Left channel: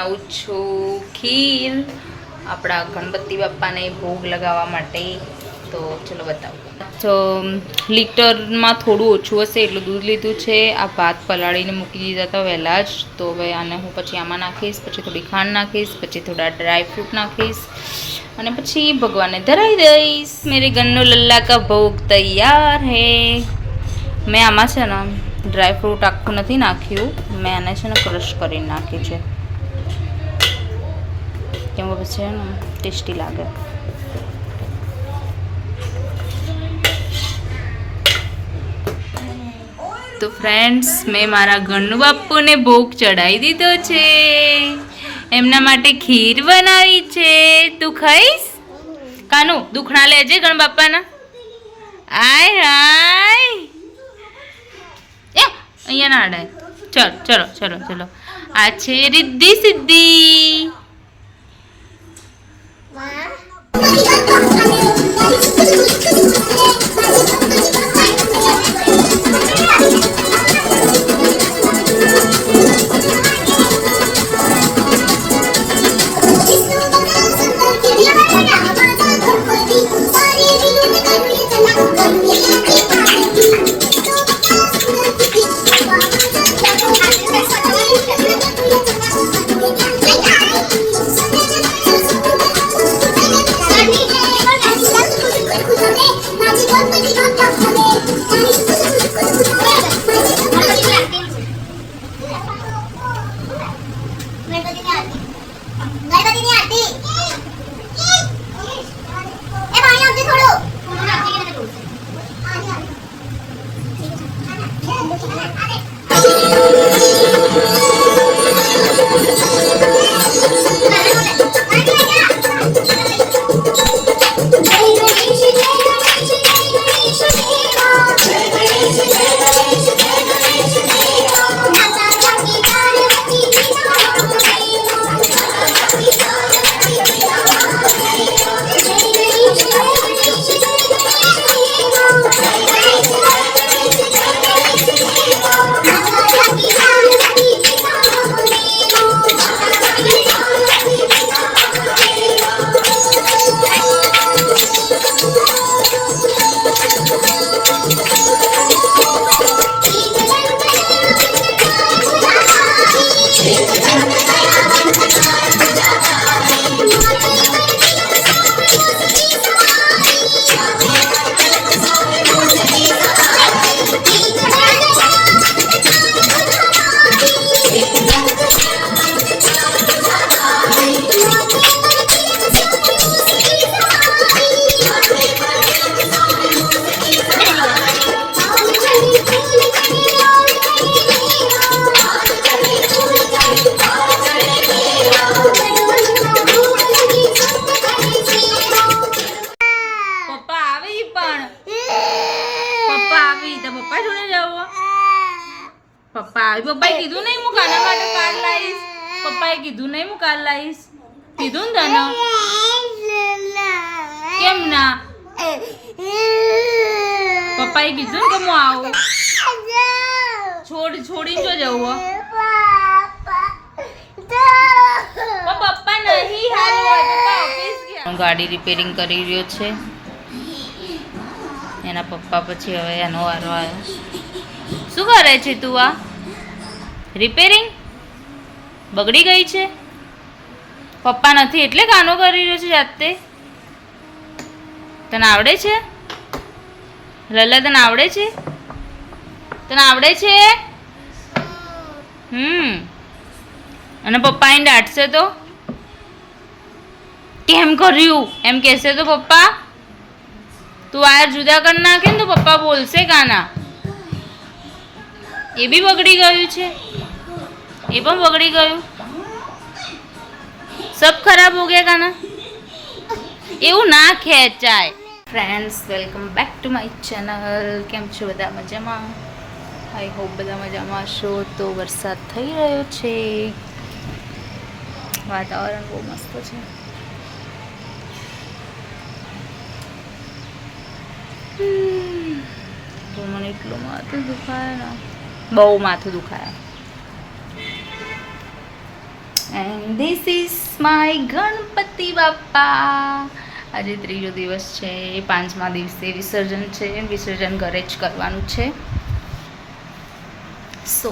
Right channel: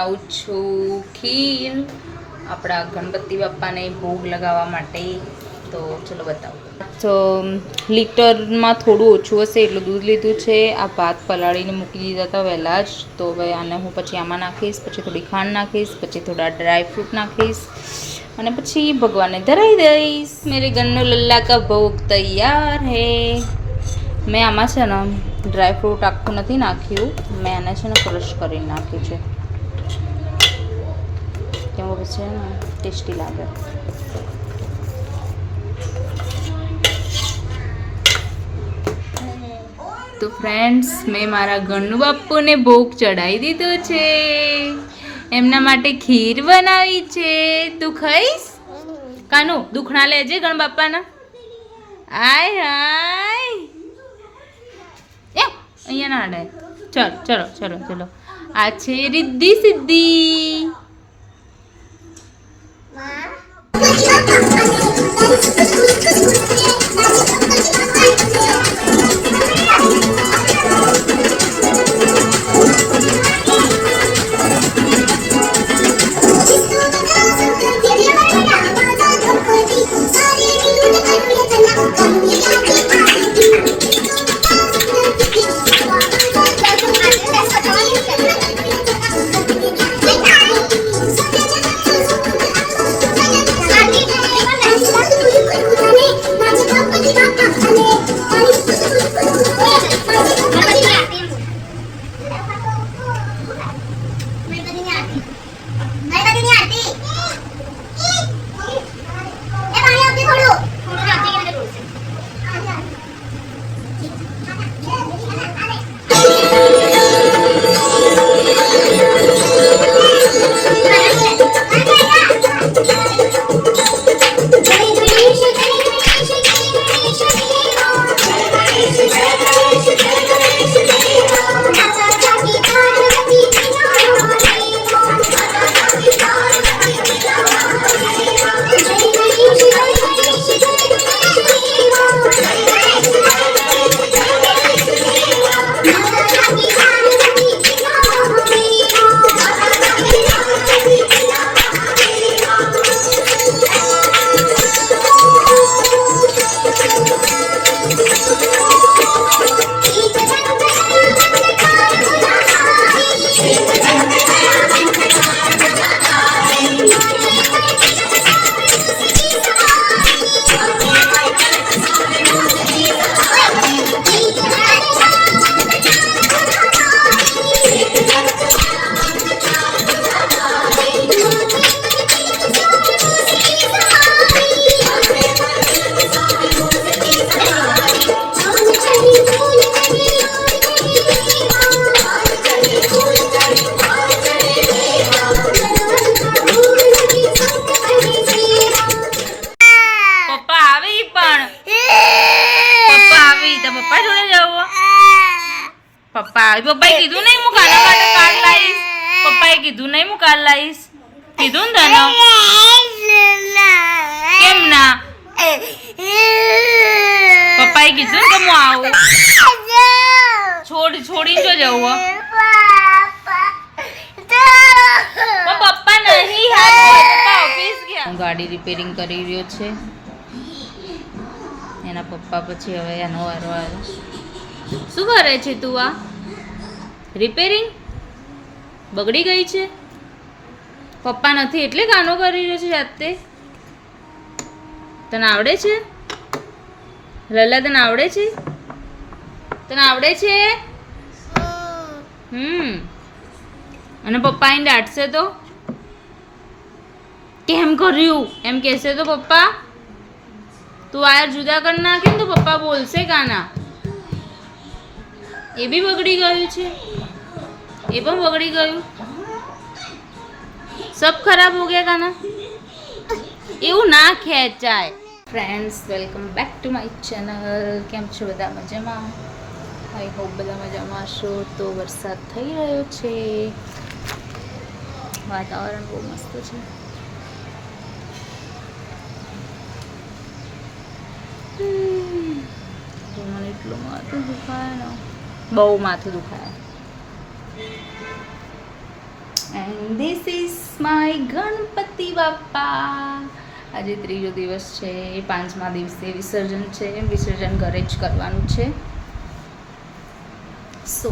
બનાવું છું ખીર આપણા ગણપતિ બાપ્પાને ભોગ લગાવવા માટે. તો ચલો બતાવું. તો લીટરમાં થોડું ઓછું હશે એટલું દૂધ લીધું છે. આ ભાત પલાળીને મૂકી દીધા હતા વહેલા જ. તો હવે આને હું પછી આમાં નાખીશ, પછી થોડી ખાંડ નાખીશ, પછી થોડા ડ્રાયફ્રૂટ નાખીશ અને પછી ભગવાનને ધરાવી દઈશ. મેરે ગન્નો લલ્લા કા ભોગ તૈયાર હે. મેં આમાં છે ને ડ્રાયફ્રૂટ આખું નથી નાખ્યું, મેં આને છે ને ક્રશ કરીને નાખ્યું છે કેમ કે પછી ને ટેસ્ટી લાગે. તો ફ્રેન્ડ્સ, મેં મારા ગન્નુ બાપુને ભોગ ચડાવી દીધો છે. એમના માટે ખીર બનાવી છે. તું ખાઈશ? કાનુ દુખણા લેજે ગણ બાપાના. આય હાય અહીંયા ના અડાય. ચલો ચલો ચલો ચલો. આ છે રિદ્ધિ સિદ્ધિ. પપ્પાએ કીધું નહીં હું કાના માટે કાર્ડ લાવીશ. પપ્પાએ કીધું નહીં હું કાર્ડ લાવીશ. કીધું ને તને? કેમ ના? પપ્પાએ કીધું ને કે હું આવું. છોડીને જો જવું. પપ્પા નહીં, ઓફિસ ગયા. હું ગાડી રિપેરિંગ કરી રહ્યો છે. એના પપ્પા પછી હવે એનો વારો આવ્યો. શું કરે છે તું? આ રિપેરિંગ બગડી ગઈ છે. પપ્પા નથી એટલે કાનો કરી રહ્યો છે જાતે. તને આવડે છે? લલ્લા તને આવડે છે? તને આવડે છે? અને પપ્પા એને દાટશે તો કેમ કર્યું એમ કહેશે તો પપ્પા તું આ જુદા કરી નાખે ને તો પપ્પા બોલશે કાના. એ બી બગડી ગયું છે. એ પણ બગડી ગયું. સબ ખરાબ હો ગયા કાના. એવું ના ખેંચાય. Friends, welcome back to my channel. કેમ છો બધા? મજામાં? આઈ હોપ બધા મજામાં હશો. તો વરસાદ થઈ રહ્યો છે. વાતાવરણ બહુ મસ્ત છે. તો મને એટલું માથું દુખાય ને, બહુ માથું દુખાય. And this is my Ganpati Bappa. આજે ત્રીજો દિવસ છે, 5મા દિવસે વિસર્જન છે. વિસર્જન ઘરે જ કરવાનું છે. સો